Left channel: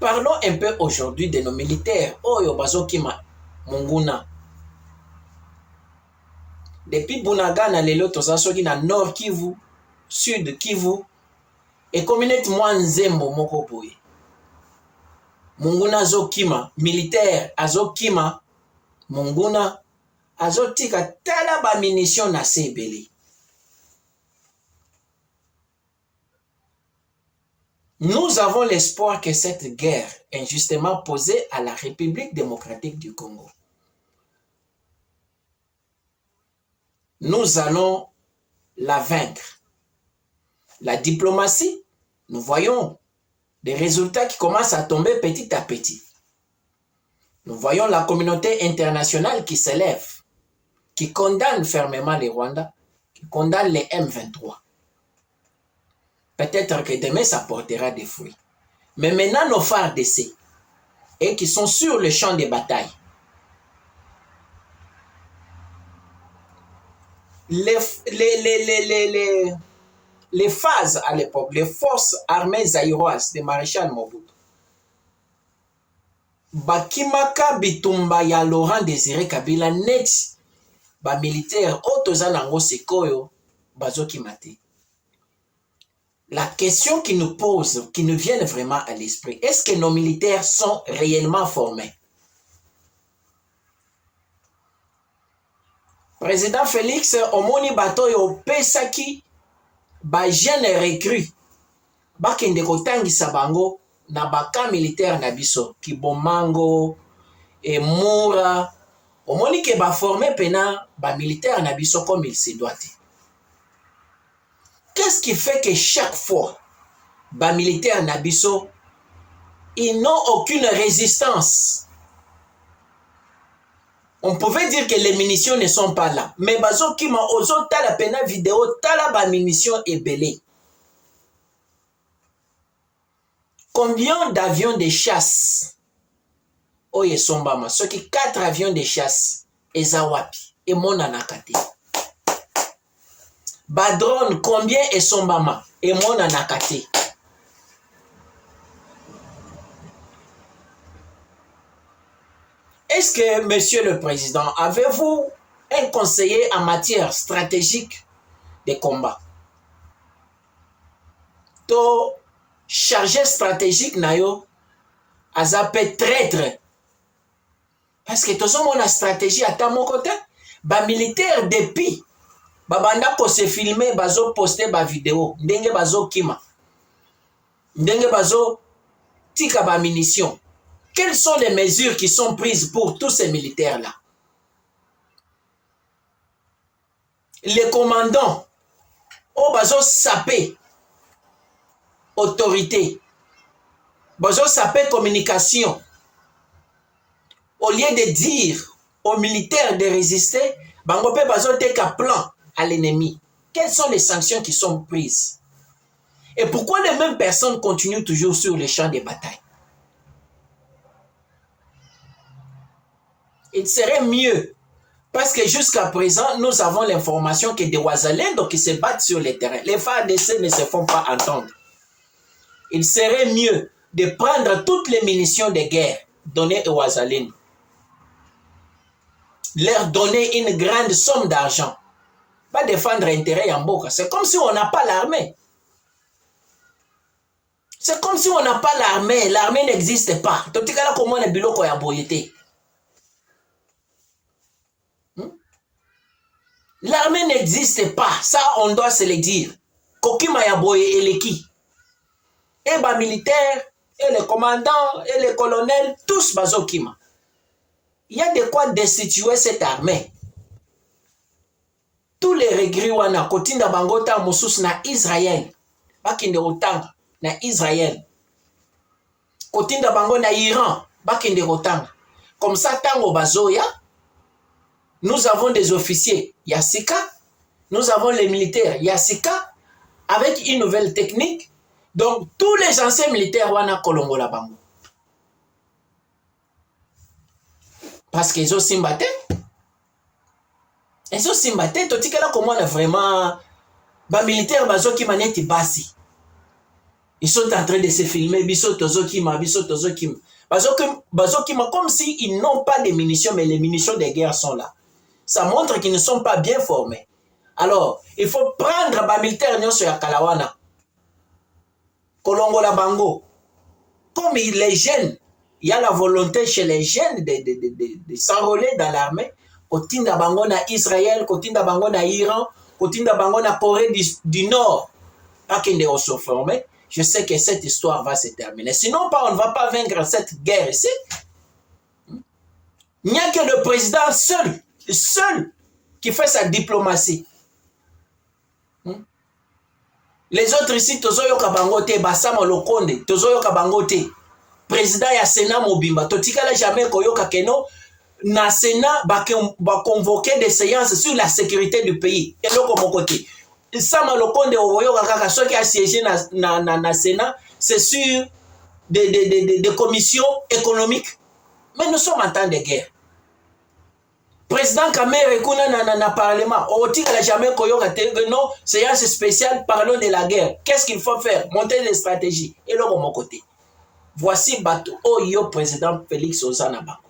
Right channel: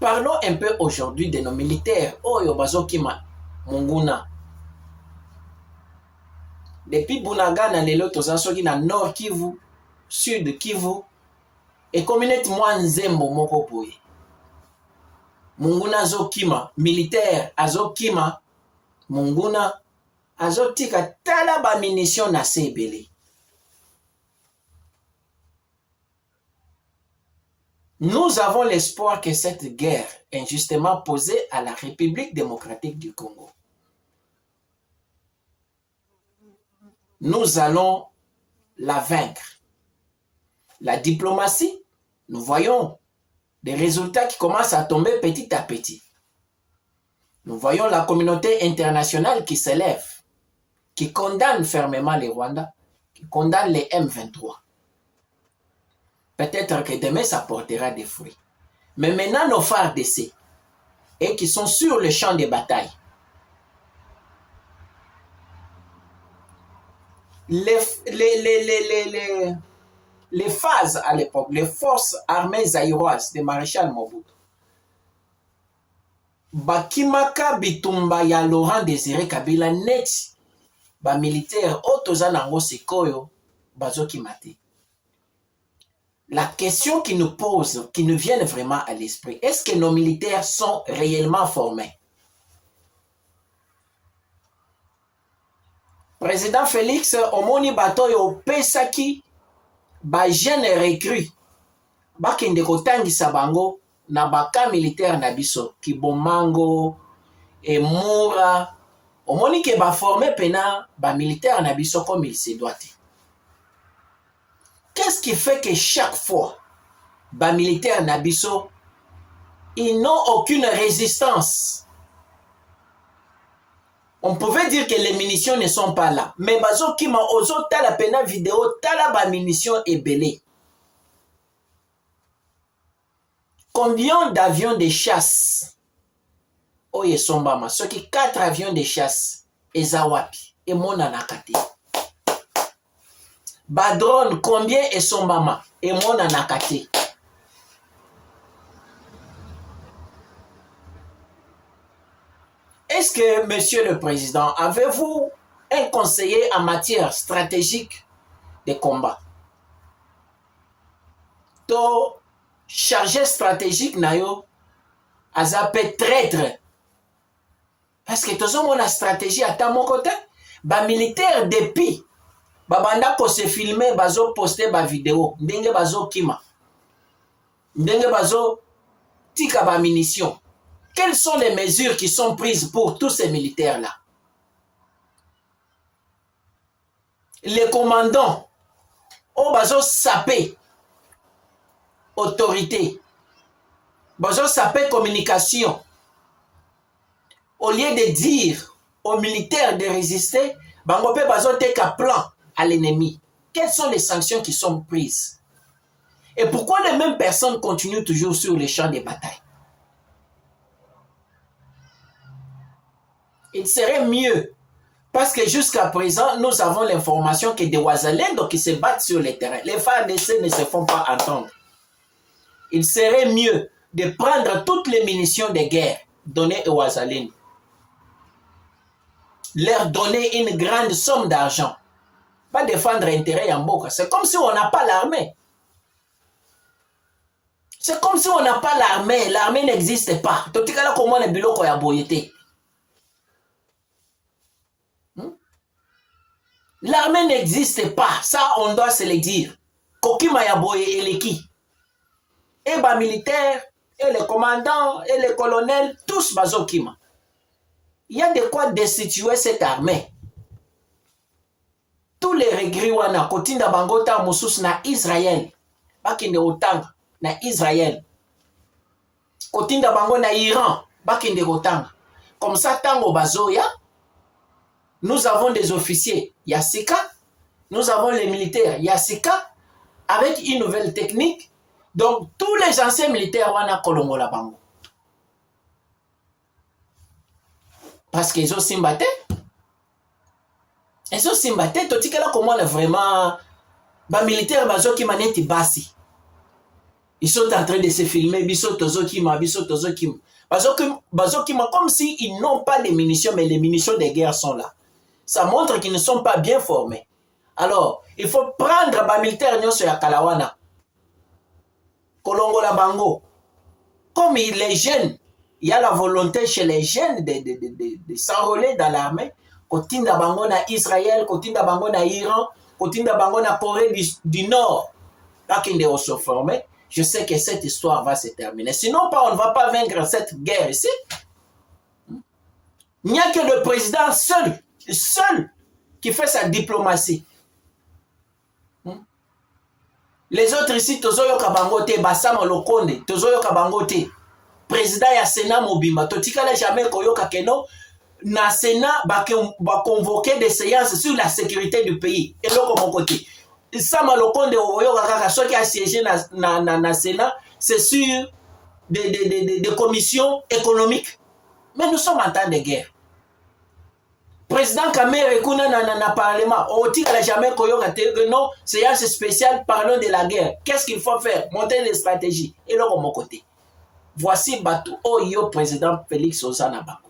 Parlons un peu aujourd'hui de nos militaires. Oyo bazokima Monguna. Depuis Bunagana, lelo tozasoki na Nord Kivu, Sud Kivu, et communauté Mwanzembo moko boye. Monguna azokima, militaire azokima, Monguna azotika tala ba munition na sebele. Nous avons l'espoir que cette guerre injustement posée à la République démocratique du Congo, nous allons la vaincre. La diplomatie, nous voyons des résultats qui commencent à tomber petit à petit. Nous voyons la communauté internationale qui s'élève, qui condamne fermement les Rwandais, qui condamne les M23. Peut-être que demain, ça portera des fruits. Mais maintenant, nos phares d'essai, et qui sont sur le champ de bataille, les phases à l'époque, les forces armées zaïroises de Maréchal Mobutu, bakimaka bitumba ya Laurent Désiré Kabila neti ba militaire otoza nango sikoyo bazokimate. La question qui nous pose, qui nous vient vraiment à l'esprit, est-ce que nos militaires sont réellement formés? Président Félix omoni batoyo pesaki ba jeune recrue bakende kotangisa bango na baka militaire na biso Kibomango et Moura. Omoni ke ba formé pena ba militaire na biso comme il se doit. Qu'est-ce qui fait que chaque fois ba militaire na biso ils n'ont aucune résistance? On pouvait dire que les munitions ne sont pas là. Mais bazo kima ozo tala pena vidéo tala ba munitions est belé. Combien d'avions de chasse? Oye sombama. Ce qui 4 avions de chasse. Ezawapi. Et mona nakate. Ba drone combien est sombama? Et mona nakate. Est-ce que, Monsieur le Président, avez-vous un conseiller en matière stratégique de combat? To chargé stratégique nayo azape traître. Parce que tout ça mon stratégie à ta mon côté, ba militaire depuis ba banda ko se filmer bazo poster ba vidéo, ndenge bazo kima. Ndenge bazo tika ba munitions. Quelles sont les mesures qui sont prises pour tous ces militaires-là? Les commandants, oh bazo sapé autorité, bazo sapé communication. Au lieu de dire aux militaires de résister, bango pe bazo teka plan à l'ennemi. Quelles sont les sanctions qui sont prises? Et pourquoi les mêmes personnes continuent toujours sur les champs de bataille? Il serait mieux, parce que jusqu'à présent, nous avons l'information que des Ouazalendo qui se battent sur le terrain. Les phares d'essai ne se font pas entendre. Il serait mieux de prendre toutes les munitions de guerre données aux Ouazalendo. Leur donner une grande somme d'argent. Pas défendre l'intérêt en Boka. C'est comme si on n'a pas l'armée. C'est comme si on n'a pas l'armée. L'armée n'existe pas. Totikala comment les biloko ya boyete. L'armée n'existe pas, ça on doit se le dire. Kokima ya boye eleki. Et les militaires, et les commandants, et les colonels, tous bazokima. Il y a de quoi destituer cette armée. Tous les regrets wana kotinda bangota mosus na Israël. Bakinde otanga na Israël. Kotinda bango na Iran. Bakinde otanga. Comme ça tango bazoya. Nous avons des officiers Yassika, nous avons les militaires Yassika, avec une nouvelle technique. Donc, tous les anciens militaires wana kolongo la bango. Parce qu'ils ont simbaté. Ils ont simbaté. Totikala comment on a vraiment... Ba militaire bazo ki maneti basi. Ils sont en train de se filmer, biso tozo kima. Comme s'ils n'ont pas de munitions, mais les munitions de guerre sont là. Ça montre qu'ils ne sont pas bien formés. Alors, il faut prendre les militaires nyonso ya Kalawana. Kolongo la bango. Comme les jeunes, il y a la volonté chez les jeunes de s'enrôler dans l'armée. Kotinda bango na Israël, kotinda bango na Iran, kotinda bango na Corée du Nord. Pas qu'ils ne se former. Je sais que cette histoire va se terminer. Sinon, on ne va pas vaincre cette guerre ici. Il n'y a que le président seul qui fait sa diplomatie. Les autres ici, tozoyoka bangote, Basama Lokonde, tozoyoka bangote. Président ya Sénat Mobimba, totikala jamais koyoka keno, na Sénat ba convoquer des séances sur la sécurité du pays. Et là, comme côté. Sama Lokonde oyoka kaka, ceux qui a siégé na Sénat, c'est sur des commissions économiques. Mais nous sommes en temps de guerre. Président Kamere kuna na parlement, otikala jamais koyoka te, non, séance spéciale, parlons de la guerre. Qu'est-ce qu'il faut faire? Monter des stratégies. Et là, comme côté. Voici Batou Oyo, président Félix Ozanabako.